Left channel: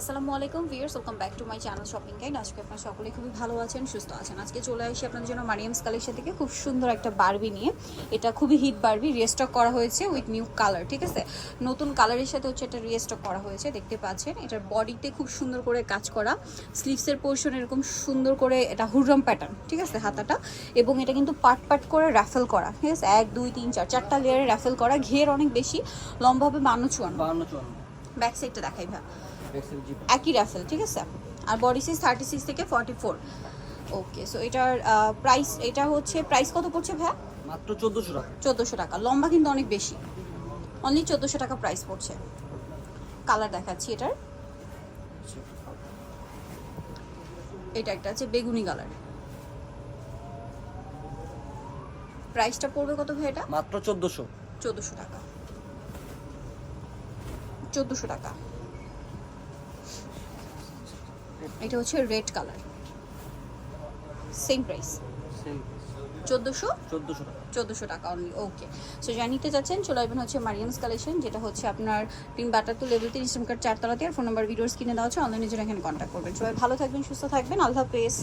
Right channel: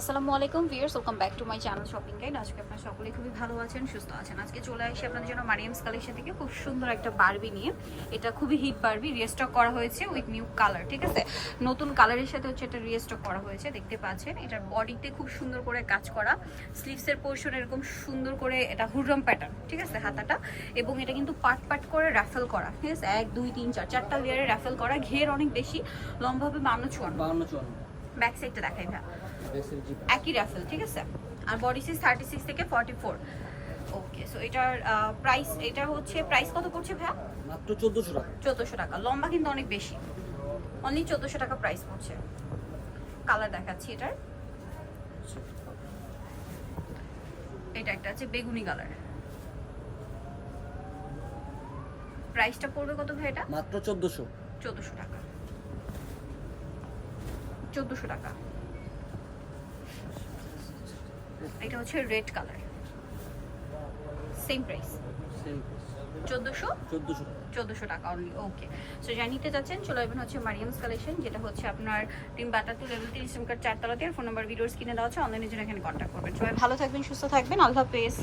আসসালামু আলাইকুম viewers welcome back to my channel shopping guide. আজকে আপনারা সকলে খুবই ভালো আছেন সুস্থ আছেন। আজকে চলে আসি আপনাদের জন্য মারিয়ামস কালেকশন থেকে খুব সুন্দর একটা বারবি নিয়ে। এটা খুবই হিট বারবি রিস্টক করা হয়েছে উইথ নিউ কালার ঠিক আছে? নতুন কালারের সাথে হচ্ছে এটা রিস্টক করা হয়েছে দেখতে পাচ্ছেন। এটার বডিতে খুব সুন্দর করে কাজ করা স্লিভসের পোর্শন এরকম সুন্দর করে এটা হুররম প্যাটার্ন ঠিক আছে হাতাটা। এবং এটা কিন্তু পার্ট পার্ট করে র্যাফেল করা ঠিক আছে? এক দুই তিন চার চারটা লেয়ারে র্যাফেল করা ঘের অনেক বেশি লম্বা হবে বান্ন চুয়ান্ন। ব্যাক সাইডটা দেখাই ভাই। একই র্যাফেল ঠিক আছে? আর বডি সাইজ থার্টি সিক্স থেকে ফর্টি ফোর ওকে সো এটার প্রাইস এটা হচ্ছে প্রাইস কত পড়ছে ভাই মাত্র চোদ্দোশো টাকা। চোদ্দোশো টাকা। লম্বা কিন্তু অনেক বেশি। অনলি চোদ্দোশো টাকা প্রাইস পড়ছে। কালার দেখাচ্ছি এটার। এটা একটা আছে বেগুনি কালার প্রাইসটা পড়বে কত ভাই এটা? মাত্র চোদ্দোশো। চোদ্দোশো টাকা। চোদ্দোশো টাকা। এটা হচ্ছে red colour. Same price same চোদ্দোশো? চোদ্দোশো টাকা। চোদ্দোশো টাকা অনলি ওকে সো জানিতে চাচ্ছেন চলে আসবেন হচ্ছে মারিয়ামস কালেকশন যেটা হচ্ছে আপনার বাটার টু লেভেল তিরিশ মিটার চারতলাতে। আর ফোন নাম্বার ভিডিওস কিনে দেওয়া হচ্ছে অনলাইনে জন্য এখানে কন্ট্যাক্ট করবেন। সবাই ভালো থাকবেন সুস্থ থাকবেন আল্লাহ হাফেজ।